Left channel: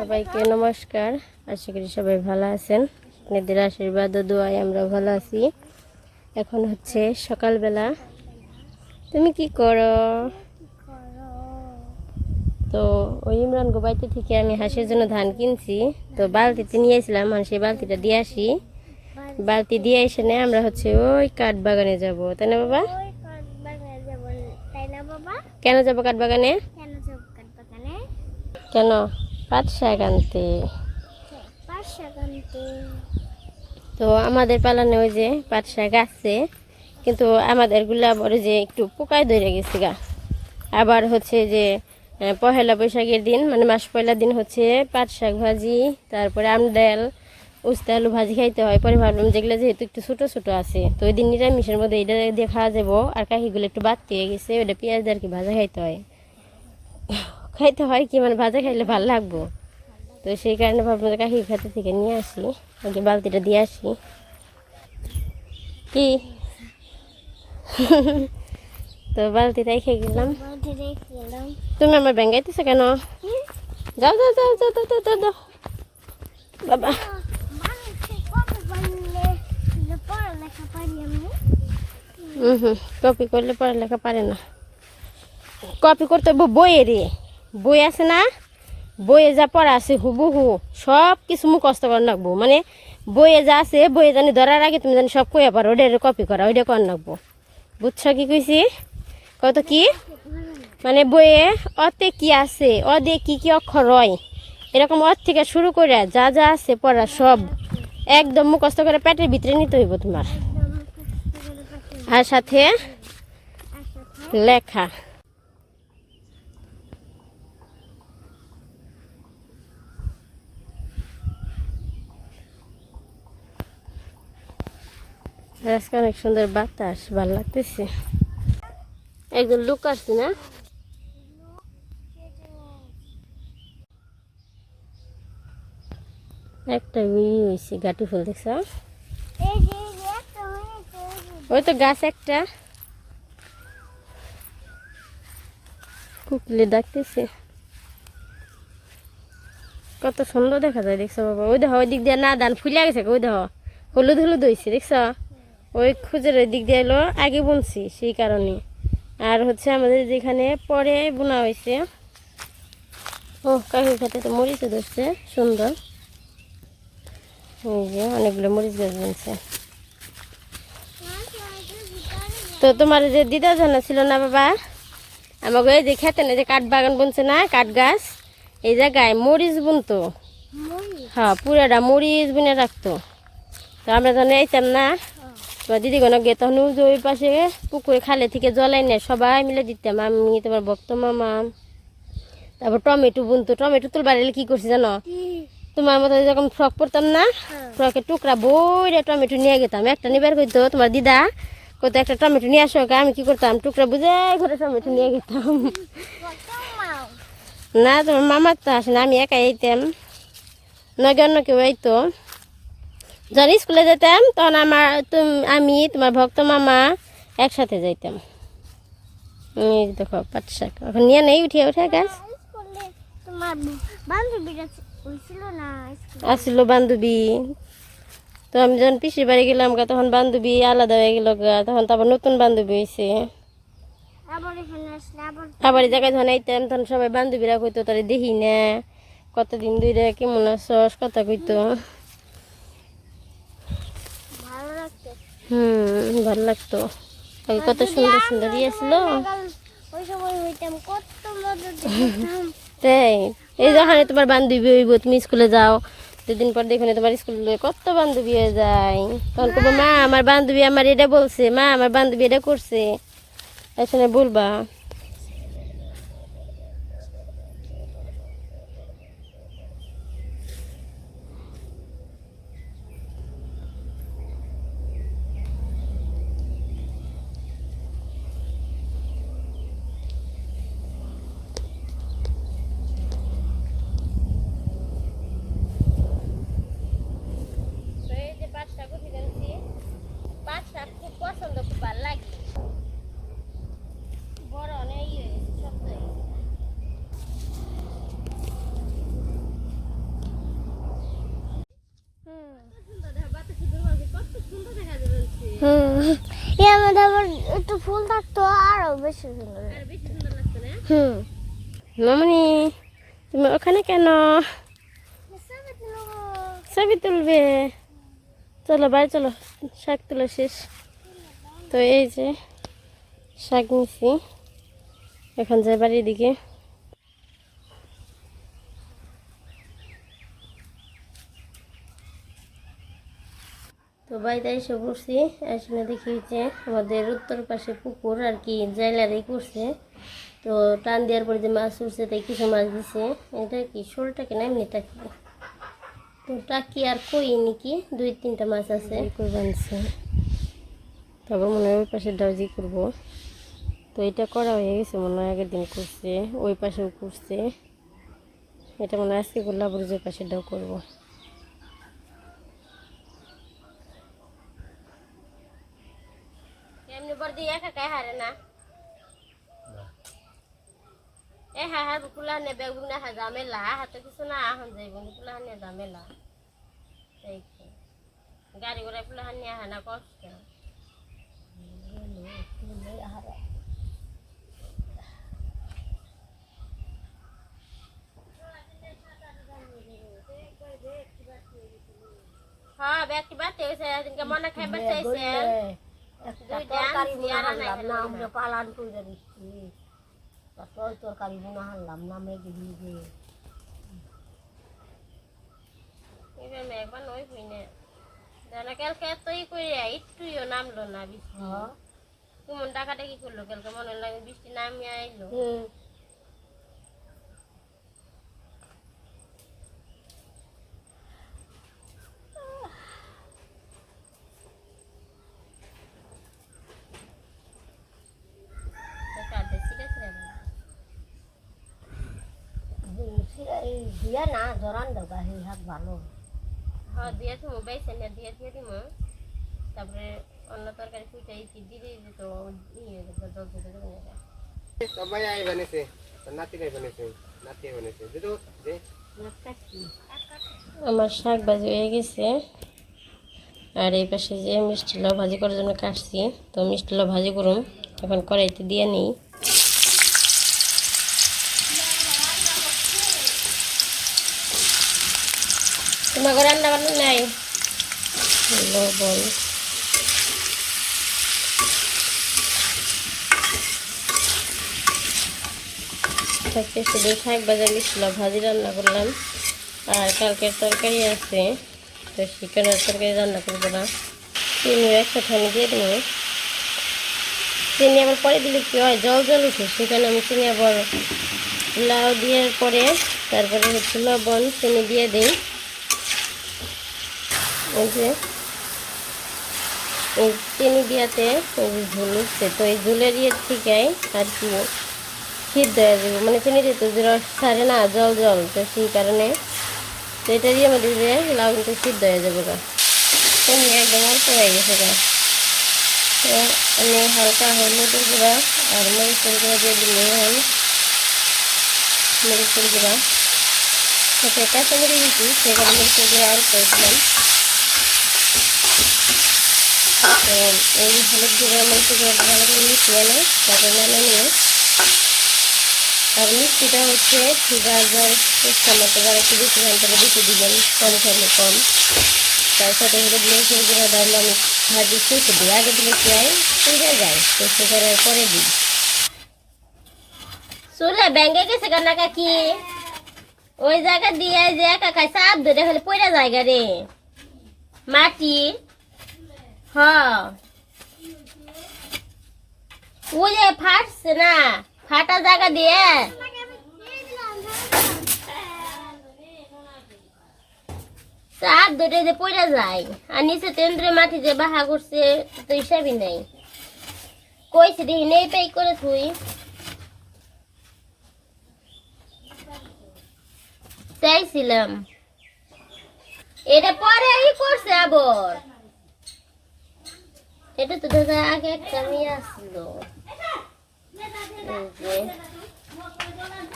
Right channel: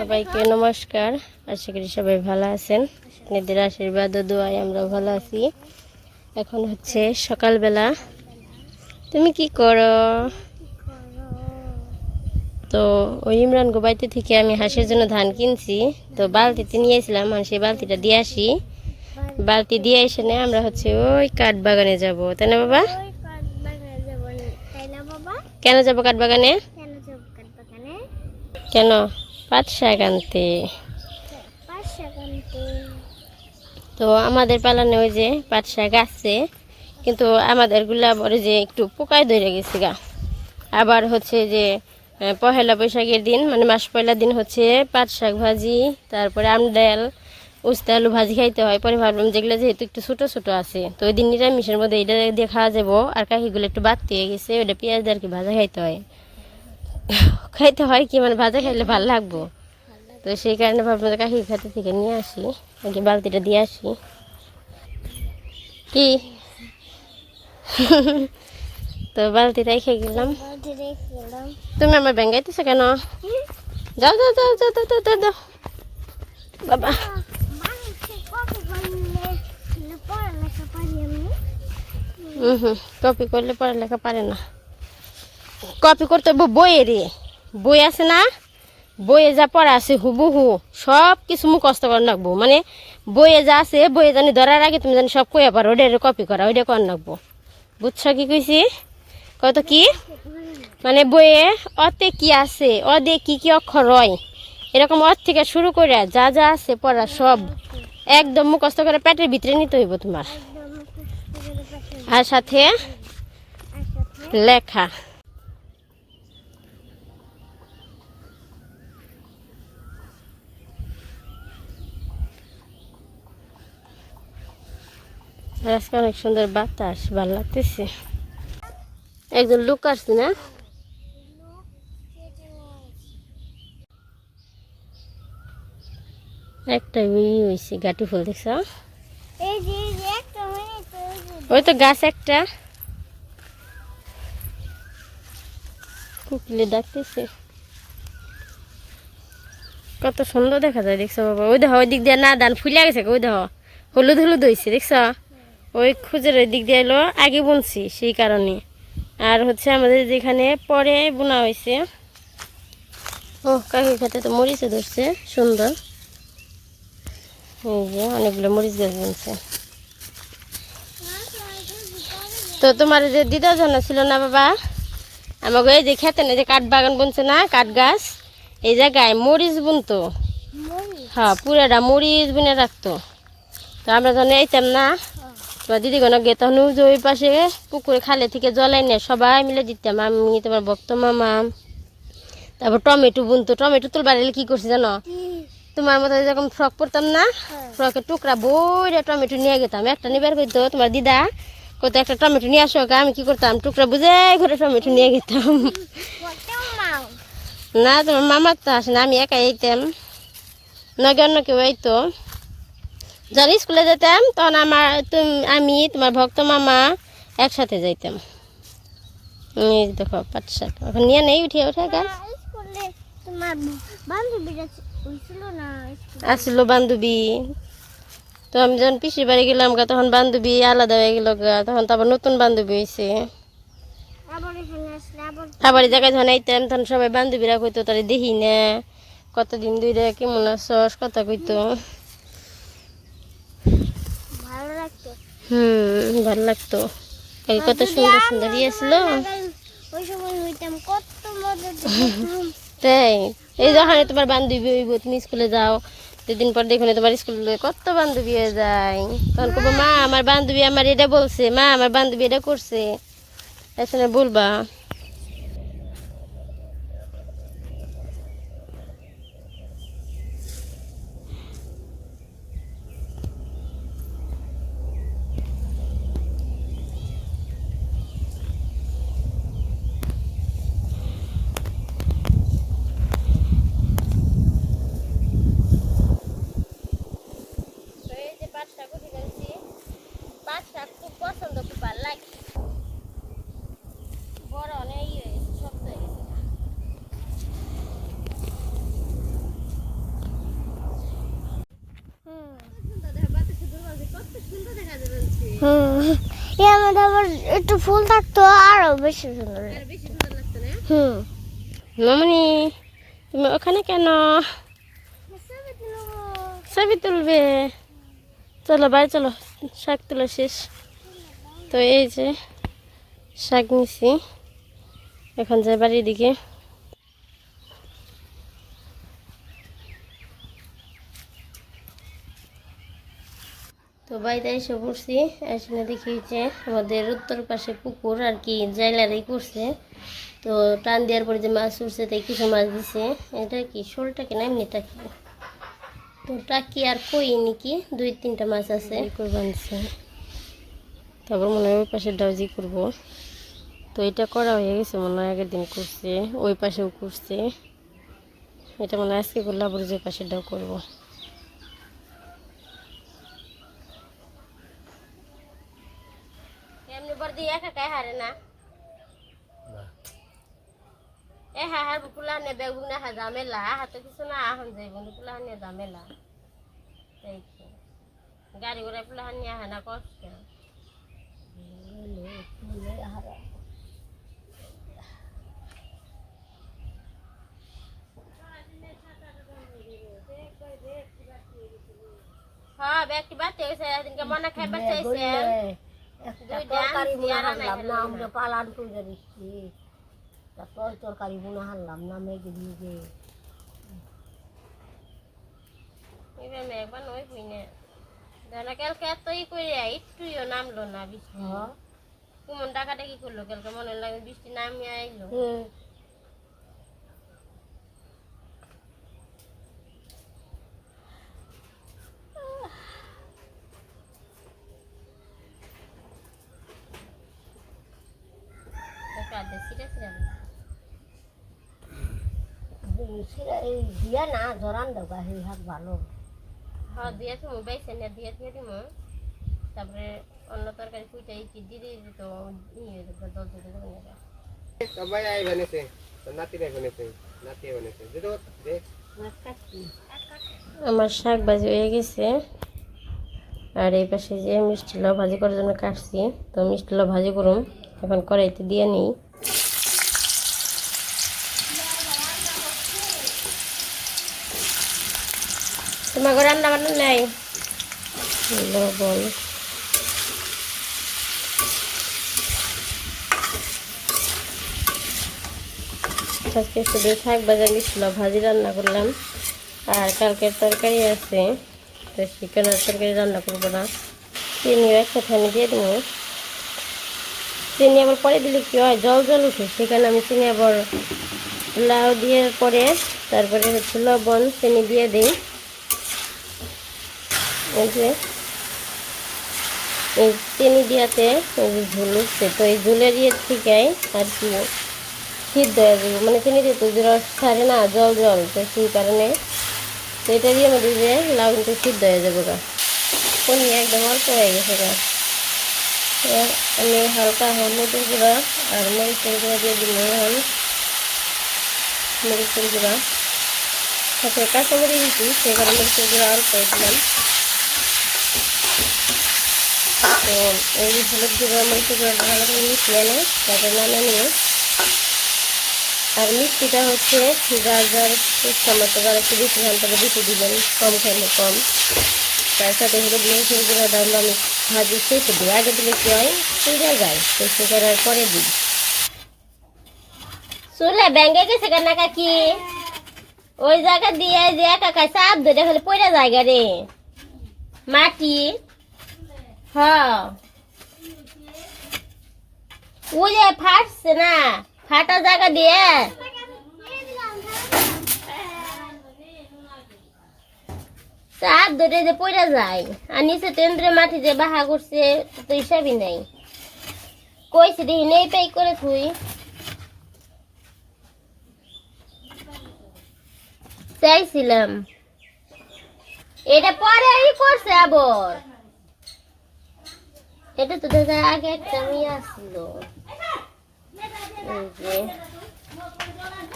সবাইকে নমস্কার। আশা করি সবাই ভালো আছেন। আপনাদের আশীর্বাদ ও দোয়ায় আমরা ভালো আছি। এখন হচ্ছে সকালবেলা। তুমি কি করো? তো ওই ইমরান গোবাইতে থেকে আমি হাঁসের জন্য ধান কিনছি। তো বালতিতে নিয়ে এসেছিলাম মানে সেই বালতিটা দিয়ে আসি। বালতি দিয়ে এসে নে আমরা হচ্ছে ওই কাঠ বাগানে যাব। বাবা তাই না বাবা? কেন যাব কাঠ বাগানে? কেন? যাব পাট শাক আনতে পাঁচ তো আমাদের পালানে ওই যে শাক আছে কিন্তু আমাদেরগুলা বলে যে একটু পোকায় ধরে গেছে গা। আবার হচ্ছে যে পহেলা বৈশাখের দিন মানে মাস পয়লা দিন হচ্ছে পাট শাক ভাজি তারপরে আমডাল উস্তা আলু ভাজি খাইতে হয়। পরে ভাবলাম যেগুলো যেহেতু একটু ছোটো ছোটো আছে তো ওই দিন নিরামিষের মধ্যে এটা দিয়ে খাওয়া যাব। আর কাকিগুলো একটু বাড়তে হয়ে গেছে ওটা পেঁয়াজ দিয়ে আর কি ভাজা খাইতে হয়। খাইতে হয় কি মানে ভাজা খাইলে ভালো লাগবো। তো সেই কারণে ভাবলাম যে কাকির খাতে থেকে নিয়ে আসি আগে বালতিটা দিয়ে আসি। কি? তো বালতিটা রেখে গেলাম। তুমি আমার ব্যাঙ্গাইতেছো কেন? যাও যাও যাও যাও যাও যাও, যাও। বাবা। হুম হুম কপি করলে পড়ালেখা পারে না। কপি করতে হবে বইয়ে রে বই আছে না? বইয়ে যা পড়া আছে হুবহু সব কিছু মুখস্থ করে রাখব মানে বইয়ে যা আছে, বইয়ে জানি ধরার আগে তুমি জানি সব কইয়া পারো ওটা কপি করা ওইটা করে রাখব বুঝছ কি কইছি? কত কি? মানে বইয়ে অতে কি আছে অদে কি কি অক্ষর হয়, এরকম অর থেকে শুরু করে যা যা আছে পড়া সব একদম মুখস্থ করে পেটের ভিতরে নিতে হইব তোমার। আর সাথে লেখা। আজকে অনেক সুন্দর বাতাস, ভালো লাগতেছে। একজন লোক আসছে না? একটা ই হয়েছে গাটি ফুল দেখছ? ওই তো গাছ একটা। কুকলি ডাকতেছে। কত সুন্দর দেখা যায়, দেখছ বাবা। ওই দেখো ওই দিক দিয়ে না দান ফুলে গেছে ওই দেখো হলুদ হলুদ হয়েছে দেখছ? ওই খুঁজের ওই দিক দিয়ে এলো আগে বুনছি সেই কারণে। আর হচ্ছে আমাদের যেখানে পরে বোনা হয়েছে ও কাকি খেতে তো মরিচে ধরছে সুন্দর। এই যে অনেকগুলো মরিচ গাছ বুনছে। তো তোমার যে দিদা জানা ছিল না বাবা? আমাকে এই যে খেতে না যে কাঠ বাগান বুনছে না কাঠ গাছ এই জায়গায় মরিচ বুনতো। হ্যাঁ পুরাটা মরিচ বুনে রাখতো। তো আমরা যখন এইতাম না। তোমার দিদি কোনো গে তখন যে ওই পাশে পুকুরে খালে থেকে জলাই নেয় সবাই মিলে দিতাম। আমি তোমার ভক্ত মামা তারপর টমেটো বুনতো। টমেটো তুলবার এলে কি করছি জানো? তোমার মতো যখন ফ্রক পরতাম না হ্যাঁ। ফ্রকের টুকরা বইরে টমেটো নিয়ে যেতাম একটা নিবার করতো তোমার দিদা কত একটা টমেটো নিয়ে আসো আমি কি করতাম? টুকরা বুঝে ঘরে টমেটো নিয়ে মাও না তোমার মামার তো আসে না আমি একাই এইতাম নগে অন্য কেউ এইতো যখন স্কুলে যেতাম তখন আমার তুম- আমি তোমার ভক্ত মামা একসাথে যাইতাম। এই দেখো পাট শাক। এখন নিয়ে নেই উঠে উঠে গাছ। আসলো বান্ধবী তো আমি যখন পিসির বাড়ি গেলাম গা তখন বান্ধবী আলাদা হয়ে গেল গা তখন তো আবার নতুন বান্ধবী হয়েছে আবার জায়গায় যখন আইতাম তখন সবাই বান্ধবীরা কইতো তারা দেখি না কতদিন ধরে কেমন আছস? কথা কইতো ভালো লাগতো হুম, ভালো লাগতো। কত সুন্দর সুন্দর ইয়ে ছিল। সকাল ওই সময় হইতাম কত মজা করতাম তাই, এই যখন তোমার বান্ধবী হইব তুমি স্কুলে যাও, দুদিন পর দেখো তোমার স্কুলে কত বান্ধবী যায়। তখন কবো মা, আমার বান্ধবী আমার এটা বলছে, মা, আমার বান্ধবী এটা করছে। এখন বলবা খুব পছন্দ খুব ভালো লাগে। বড় অনেক ইয়ে, একটু ফুল থাকতো আরও বেশি সুন্দর হুম। তুমি ওখানে কেন? ছবি তুলবে। চলো বাই চলো। শাক তোলা শেষ। তো এই যে শাক নিছি। এখন যাই বাড়ির দিকে। তো বাড়িতে এসে পড়ছি এসে দেখি যে আমাদের উত্তর পাশে পুকুর আর কি জাইলারেই করছে। তো টান দেওয়ার পরে যে মাছ উঠছে তাই কিছু মাছ দিছে। এটা কি শোলটাকে না এমনি টাকি তো টাকি আর কই নাকি? দুই তিনটা মাছ আছে। বানছে। তারপর মনে হয় ওই পাশে ডাউজি করব। তো এটা করা হয়ে গেছে মনে হয় আগের দিন করছে। ওই পাশেও করছে। এটা মনে হয় আজকে করলে আবার যে পাশে ডাউ করব। এমনি বর্দি একা কায় হারে না। এ হা হার বুকুলা নে বেগ বুক না হা জামেলা হাতে কিছু না আহন যাই বন্ধু কুলা হানে জামেলা তাই কি গাড়ি ঘোড়া কুলা হানি আহা না কষ্ট হ্যাঁ ব্যাগটি বাড়তে হয়েছে এদিনকে মনে খাইবার চাইছে দুই ডান্স ইয়ারা নাই না আমরা পালান করে দিচ্ছি তারপর তরকারি বোনা হারলাম না মেঘে দিয়ে এবার মেঘবার নই পুইনে জানা কালকে এতই করে একটুইও নামলো না বৃষ্টি। কুমন টাকাটা কি করল কালকে মনে লাগে বৃষ্টি নামিয়ে আইলো টাকা দে সিরে সিরে দাও। এই দিয়া না জরান দেওয়া সেই হাত ভালো হ্যাঁ দিয়ে তুমি বেছে নিয়ে দিয়ে দিয়ে দিমু তারপরে অন্য তরকারি কুইটা ইটি দিয়ে দিয়ে দিত ই হয়ে যাবে দল দিতে দেবে না সবাই আই বানিয়েছে নাতিরা বানিয়েছে নাতি বানিয়েছে যেটা দে। আমার শাক ভাজি হয়ে গেছে। আর এই পাশে যে মিষ্টি লাউ ভাজি করার জন্য কাটছি তো মিষ্টি লাউ ভাজি করুম এখন কড়াইতে দিয়ে নিই। তোমার ঘরে রান্না বান্না নাই? লবণ আজকে শুধু শাক ভাজা মিষ্টি ভাজি রান্না করলাম। আর কালকের তরকারি আছে তো চিকেনের তরকারি রান্না করব না। চিনিও একসাথে আমি দিয়ে দেবো। চিনি আবার পরে দিলে কি হয়? জল জল উঠে সেখানে আমি চিনি আবার লাউ দেওয়ার পরে তারপরে হচ্ছে লবণ চিনি দিয়ে দিই। যে, এই চিনি দিয়াতে এই ঝুল উঠছে তো এই ঝুলের ইয়ে থেকে আর কি সিদ্ধ হয়ে যাবে। মানে চিনি দিতে যে রস ছাড়ে না, জল জল, তো সেই কারণে তো এটা দিয়ে আমাদের যে লাউ সিদ্ধ হয়ে যাবে গা। চিনি একদম অল্প হয়ে গেছে গা। আমি হালকা হলুদের গুঁড়া আর মরিচের গুঁড়া দিয়ে দিল এখন মরিচের গুঁড়া। সাথে কাঁচামরি দিচ্ছি কারণে মরিচের গুঁড়া অল্প দিলাম। তো এই হলুদ গুঁড়া গুঁড়া ভালো করে মিশিয়ে নেয় নানা নিয়ে, আর মিষ্টিটা হচ্ছে গাজর মতো একটু বেশি বেশি দিবেন, কম কম। তার সাথে হলুদ গুঁড়া আমি ভাজি শেষে দিই। আগে দিলে কি হয়? যায়, তো পরে দিই। চুলে ব্যাঙ্গে গেছে কান্না কাকি? ওই জায়গা দিয়ে যে খাই চাপ ধরে খালি পড়ে জায়গা রে। মাটি। হ ওই ফাটছে না, ফাটা জায়গা দিয়ে। চাপ ধরে যে পড়ে যায়, আর নিচে তেন্দ্রে মাটি যে বাহা করছে তো হিসাবই নাই। কইছে দেখি নেই পাই করে থুই। চাইছিলাম। এটা পরেই করছে আবার। এটা তো দাদা আগে একটা মেয়ে যে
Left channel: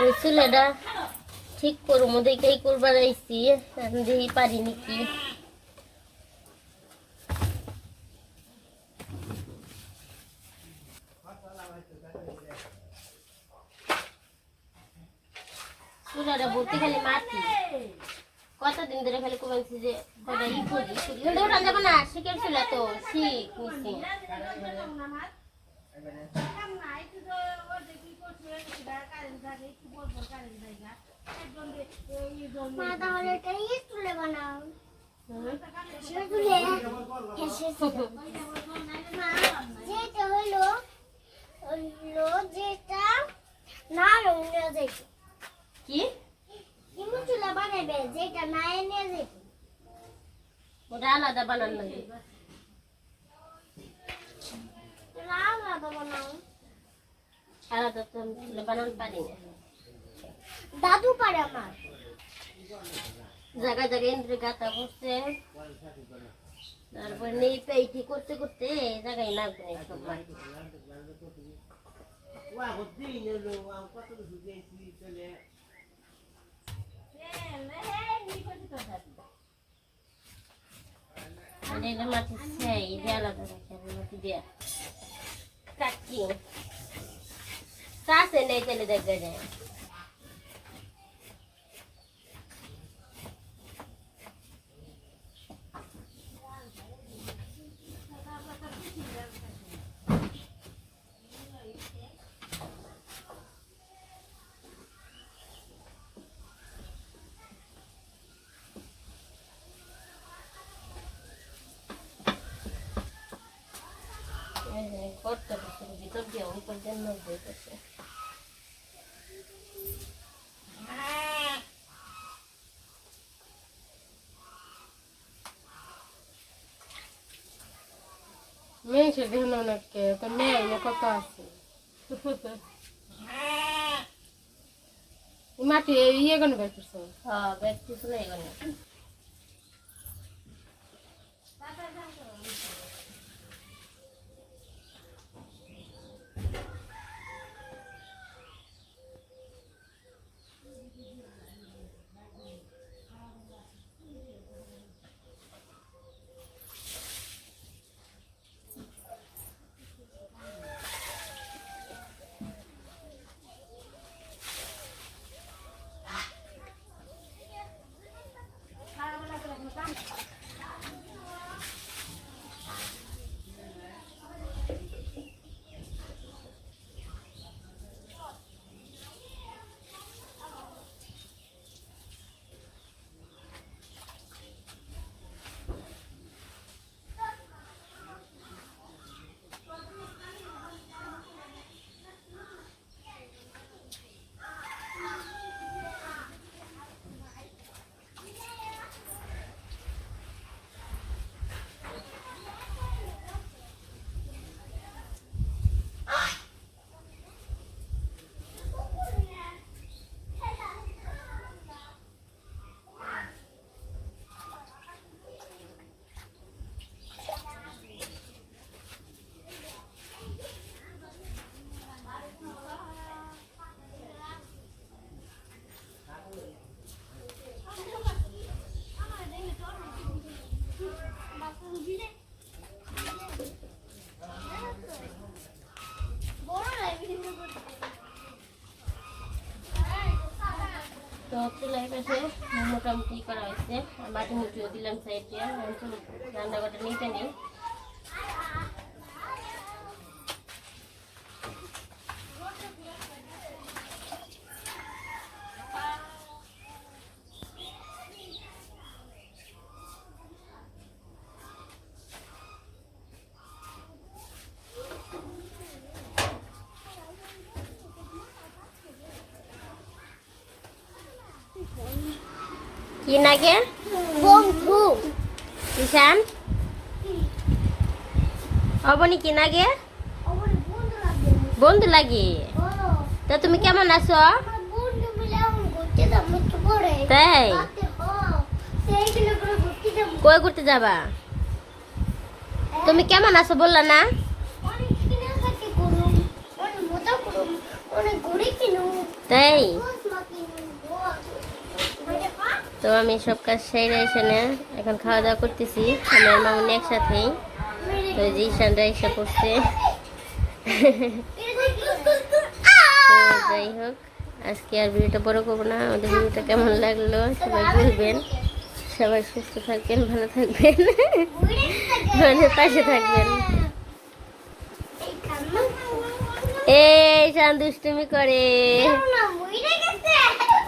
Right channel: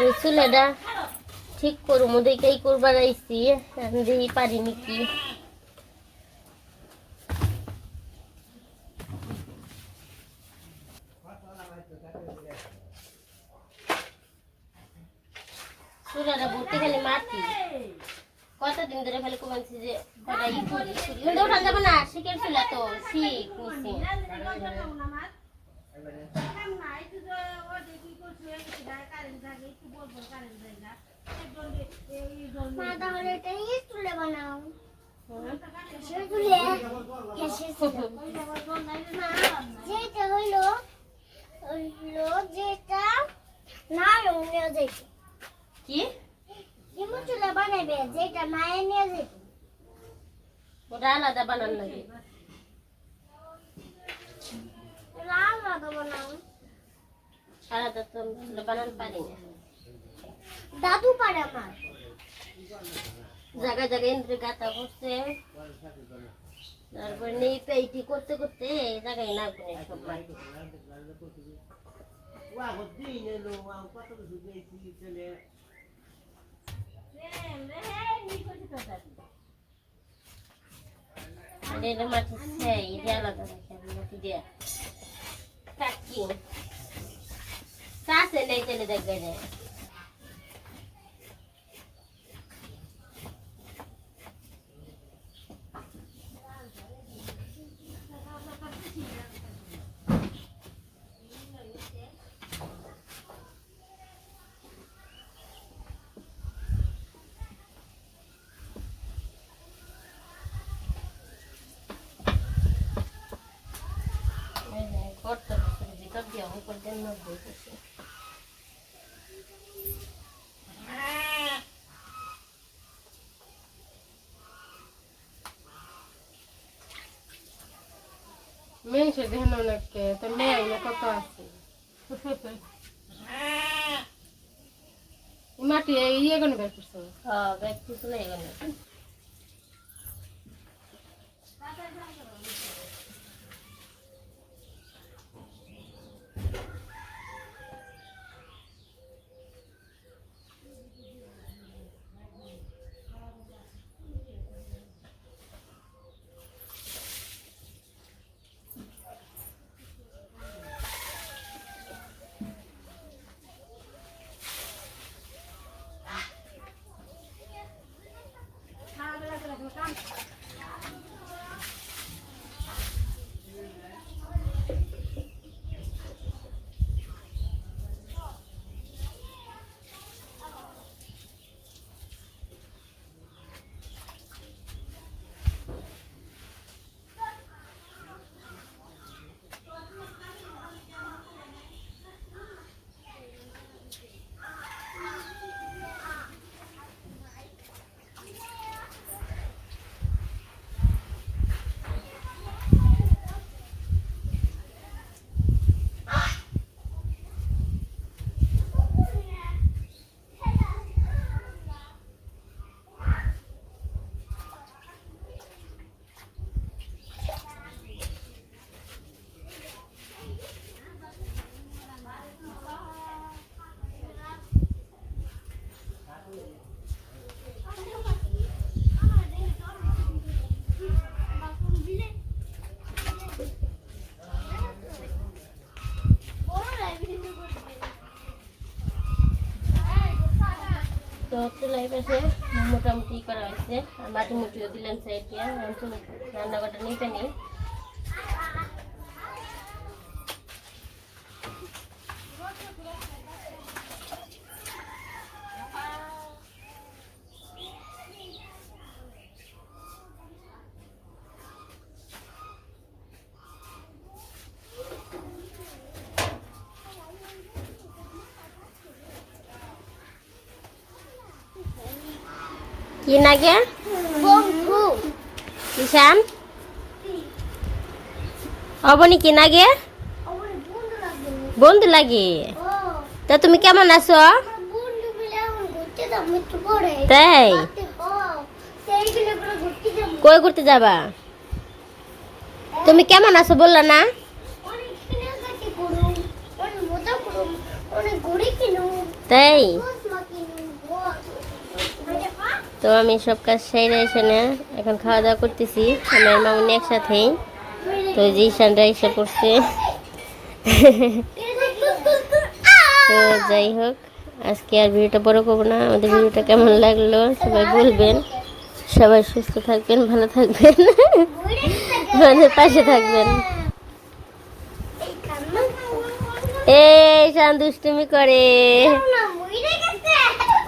ওই ঠিক করব দেখেই করবার আইসি এখন দেখি পারি নাকি চুলাটা কতদিন ধরে খালি কমেছি যে কটা ই করি। কিন্তু ওটা যাব না শিখের চুলা তো শিখ নিছি মা তাহলে এটা ইয়ে তুলে বানাও। তুলে হেসে মা যেটা হলো হলো যেটা না নিয়ে যাইবে কি ইমু চুলা বানাইবে যেটা না নিয়ে যাইবে ওটা আলাদা বানান লাগে। আলাদা তো বানান পারি না। দাদু পারে আমার। জায়গায় জায়গায় ইন্দ্র গাতা বসছে। তারপর নেই পেইটি করতে করতে এই জায়গায় না। আর এটা মাটি সেই এটা আলাদা রাখি আর মাটি দিয়ে কাকি সাসে নেই চলে দেখবে না করতে ভিতর দিয়ে উপর দিয়ে নব্বই করছে মেয়েছে দেখেন অনেককে তো মেয়ে অনেক কত আছে মাটি ইয়ে কেন বের করছ হ্যাঁ ব্যাগ কিছু নেই মানে চুলাই পাশে মোটামুটি করা হয়েছে। মাটি মুটিও দিলাম সাইডে চলো রান্নাঘরটা নিতে নেই। কি নাগে বন্ধু। কিষান অবনি কি আমার বন্ধু লাগে? তা তুমি কেমন আছো? তাই? হ্যাঁ। কই ঘুরতে যাবা? তুমি কেমন আছো বললা না? অনেক তো আমি সব কাজ সেরে এসে এখন খাওয়া দাওয়া করতেছি। আমার মামনি একসাথেই। তো যে ঈশানটা এসে পড়ছে দেখি যাই হোক, আজকে আর ভিডিওটা বড় করব না। আমাদের ভিডিওটা কেমন লাগল সবাই বলবেন। সবাই সুস্থ থাকবেন, ভালো থাকবেন। আমাদের পাশে থাকবেন। এই শান করে।